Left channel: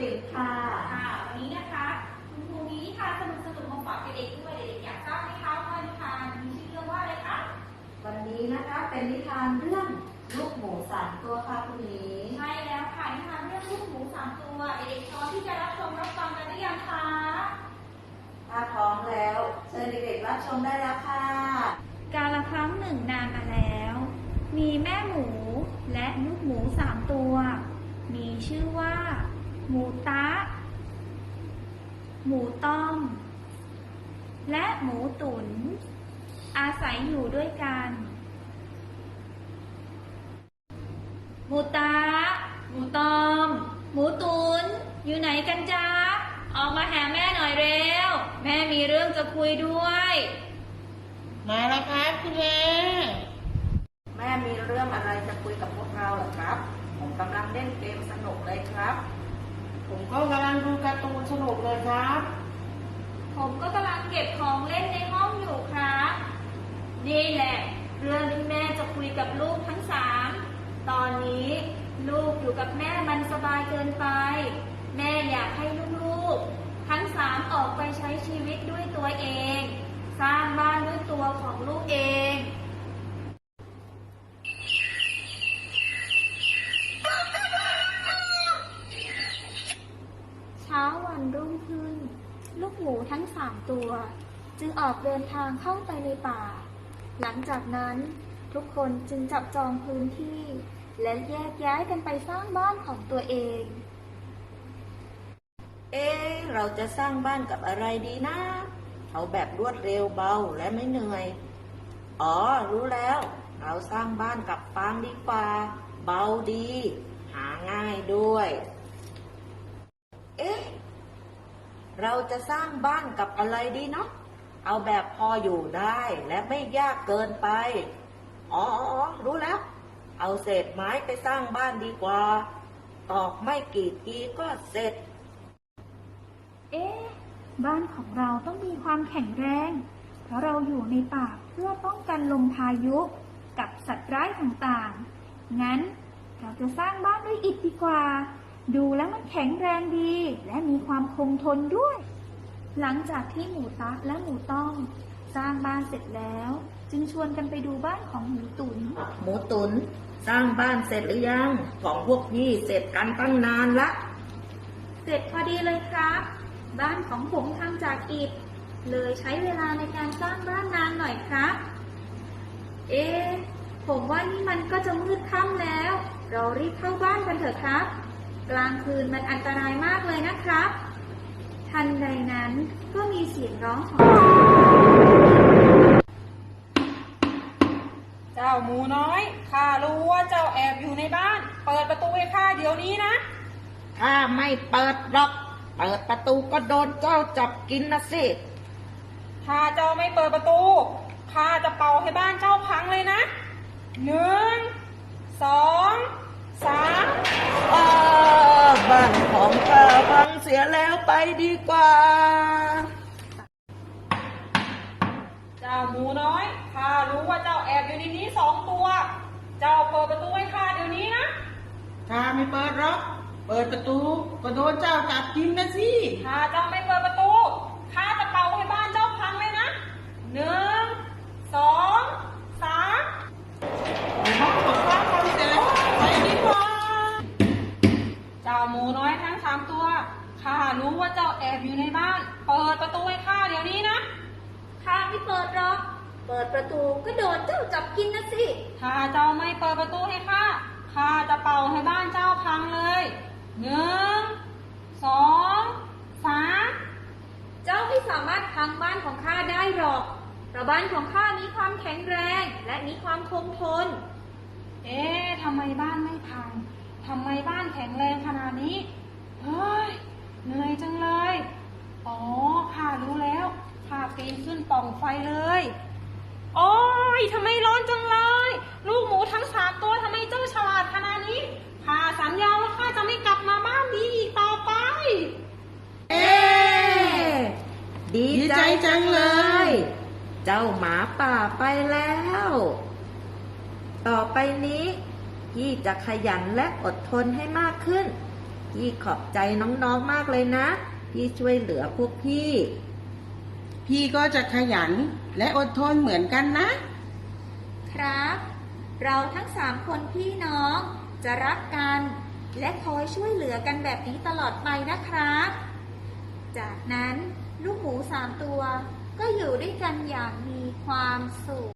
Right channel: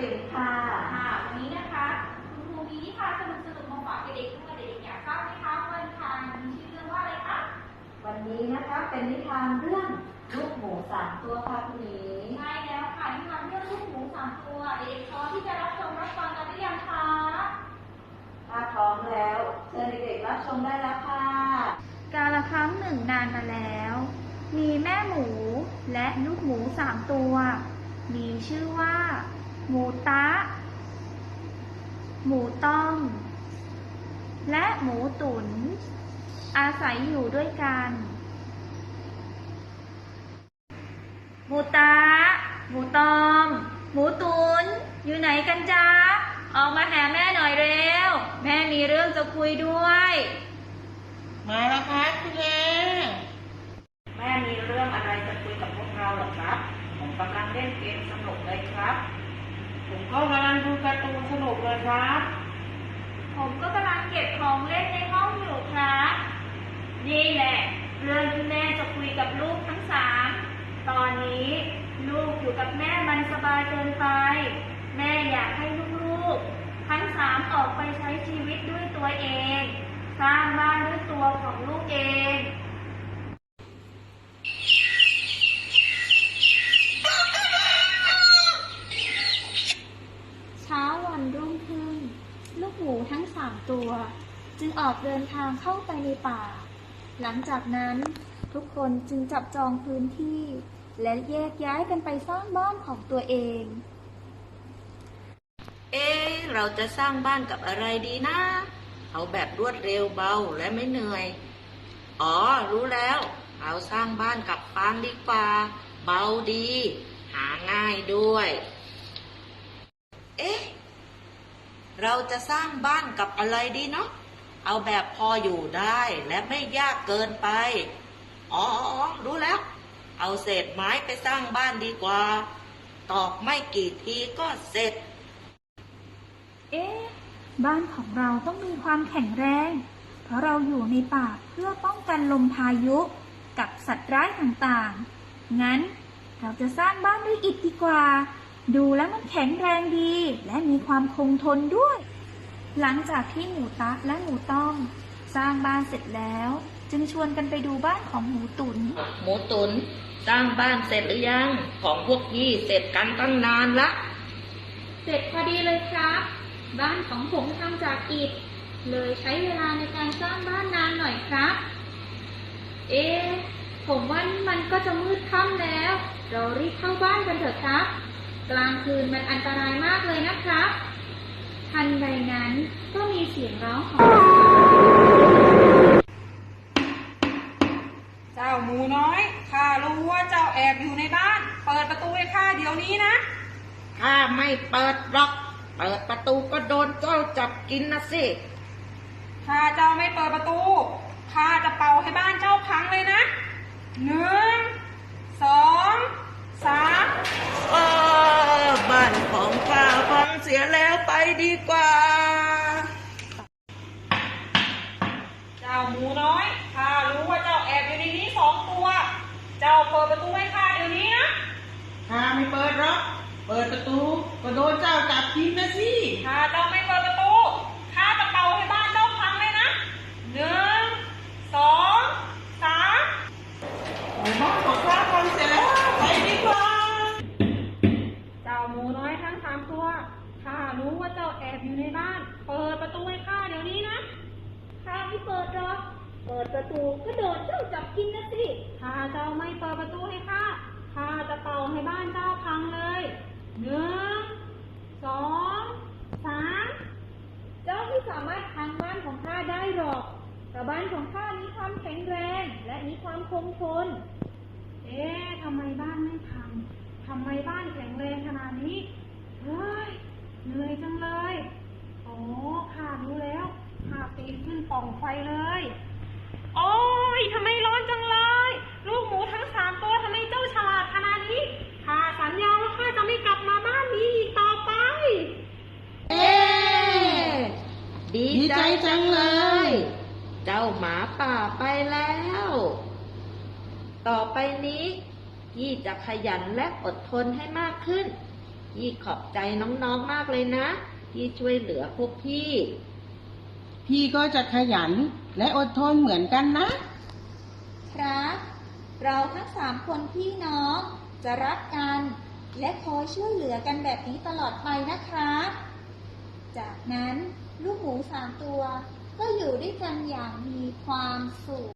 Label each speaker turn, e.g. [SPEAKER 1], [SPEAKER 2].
[SPEAKER 1] ปิ่นค่ะ
[SPEAKER 2] ค่ะวันนี้นะคะคุณครูมีนิทานสนุกสนุกๆมาฝากเด็กๆด้วยเด็กๆอยากทราบไหมคะว่านิทานมีชื่อเรื่องว่าอะไรคะ
[SPEAKER 1] วันนี้นะคะเป็นนิทานเรื่องลูกหมูสามตัวค่ะคุณหมี
[SPEAKER 2] ใช่แล้วค่ะนิทานเรื่องลูกหมูสามตัวเด็กๆพร้อมที่จะรับชมรับฟังกันหรือยังคะ
[SPEAKER 1] ถ้าพร้อมแล้วเชิญเด็กๆรับชมได้แล้วค่ะ
[SPEAKER 2] กาละครั้งหนึ่งนานมาแล้ว มีแม่หมูและลูกหมูสามตัว มีชื่อว่า หมูตะ หมูต้ม และหมูตุนอาศัยอยู่ด้วยกัน หมูตะ หมูต้ม หมูตุนอยู่ไหนกันจ๊ะ ออกมาหาแม่หน่อยเร็ว แม่มีเรื่องจะคุยด้วย
[SPEAKER 3] มาแล้วครับคุณแม่
[SPEAKER 1] แม่มีเรื่องอะไรจะคุยกับพวกเราเหรอครับ ผมกำลังเล่นเกมสนุกเลยครับ
[SPEAKER 3] ผมก็กำลังดูการ์ตูนสนุกเลยครับ
[SPEAKER 2] ผมก็กำลังเก็บของเล่นในห้องอยู่ครับ นี่แหละ เรื่องที่แม่จะคุยกับลูกทั้งสาม ตอนนี้ลูกอยู่กับแม่มันสบายเกินไป แม่อยากให้ลูกๆ ทั้งสามออกไปใช้ชีวิตด้วยตัวเอง สร้างบ้านด้วยตัวของลูกเอง เช้าวันรุ่งขึ้น ลูกหมูทั้งสาม ตัว จึงออกเดินทางเข้าไปในป่า หลังจากนั้นทุกคนจึงจับจองพื้นที่ และแยกย้ายกันไปสร้างบ้านของตัวเอง
[SPEAKER 1] เอ๊เราจะสร้างบ้านกับอะไรดีนะ เอาแบบรวดเร็วเบาและไม่เหนื่อย อ๋อ รู้แล้ว เราสร้างบ้านกับฟางดีกว่า เบาดี หาง่ายด้วย เอ๊ะ เราจะสร้างบ้านกับอะไรดีเนาะเอาแบบพออยู่ได้และไม่ยากเกินไป อ๋ออรู้แล้ว เอาเศษไม้ไปสร้างบ้านดีกว่า ตอกไม่กี่ทีก็เสร็จ
[SPEAKER 2] เอ๊ะ บ้านของเราต้องมีความแข็งแรง เพราะเราอยู่ในป่าเพื่อป้องกันลมพายุกับสัตว์ร้ายต่างๆ งั้นเราจะสร้างบ้านด้วยอิฐดีกว่า ดูแล้วมันแข็งแรงดี และมีความคงทนด้วย หลังจากที่หมูตะและหมูต้องสร้างบ้านเสร็จแล้ว จึงชวนกันไปดูบ้านของหมูตุน
[SPEAKER 1] หมูตุนสร้างบ้านเสร็จหรือยัง ของพวกยี่เสร็จกันตั้งนานละ
[SPEAKER 2] เสร็จพอดีเลยครับ บ้านของผมทำจากอิฐ เลยใช้เวลาในการสร้างบ้านนานหน่อยครับ เอ๊ะผมว่านี่มันก็จะมืดค่ำแล้ว เรารีบเข้าบ้านกันเถอะครับ กลางคืนมันอันตรายมากเลยนะครับ ทันใดนั้นก็มีเสียงร้องของ
[SPEAKER 3] เจ้าหมูน้อย ข้ารู้ว่าเจ้าแอบอยู่ในบ้าน เปิดประตูให้ข้าเดี๋ยวนี้นะ
[SPEAKER 1] ถ้าไม่เปิดหรอก เปิดประตูก็โดนเจ้าจับกินนะสิ
[SPEAKER 3] ถ้าเจ้าไม่เปิดประตู ข้าจะเป่าให้บ้านเจ้าพังเลยนะหนึ่ง สี
[SPEAKER 1] ยแล้วไปดีกว่า
[SPEAKER 3] เจ้าหมูน้อยข้ารู้ว่าเจ้าแอบอยู่ในนี้สองตัว เจ้าเปิดประตูให้ข้าเดี๋ยวนี้นะ
[SPEAKER 4] ข้าไม่เปิดหรอก เปิดประตูก็โดนเจ้าจับกินนะสิ
[SPEAKER 3] ถ้าเจ้าไม่เปิด รู้
[SPEAKER 4] ว่า
[SPEAKER 3] เจ้าแอบอยู่ในบ้าน เปิดประตูให้ข้าเดี๋ยวนี้นะ
[SPEAKER 2] ข้าไม่เปิดหรอก เปิดประตูก็โดนเจ้าจับกินนะสิ
[SPEAKER 3] ถ้าเจ้าไม่เปิดประตูให้ข้า ข้าจะเป่าให้บ้านเจ้าพังเลยหนึ่งสองสาม
[SPEAKER 2] เจ้าไม่สามารถพังบ้านของข้าได้หรอกเพราะบ้านของข้ามีความแข็งแรงและมีความคงทน
[SPEAKER 3] เอ๊ะทำไมบ้านไม่พังทำไมบ้านแข็งแรงขนาดนี้ เฮ้ย เหนื่อยจังเลย อ๋อข้ารู้แล้วขาปีนขึ้นป่องไฟเลย โอ้ยทำไมร้อนจังเลย ลูกหมูทั้งสามตัวทำไมเจ้าฉลาดขนาดนี้ข้าสัญญาว่าข้าจะไม่กลับมาบ้านนี้อีกต่อไป
[SPEAKER 1] เอ๊ดี
[SPEAKER 4] ดีใจจังเลย
[SPEAKER 1] เจ้าหมาป่าไปแล้ว ต่อไปนี้ยี่จะขยันและอดทนให้มากขึ้น พี่ขอบใจน้องๆมากเลยนะที่ช่วยเหลือพวกพี่
[SPEAKER 4] พี่ก็จะขยันและอดทนเหมือนกันนะ
[SPEAKER 2] ครับ เราทั้งสามคนพี่น้องจะรักกัน และคอยช่วยเหลือกันแบบนี้ตลอดไปนะครับ จากนั้นลูกหมูสามตัวก็อยู่ด้วยกันอย่างมีความสุข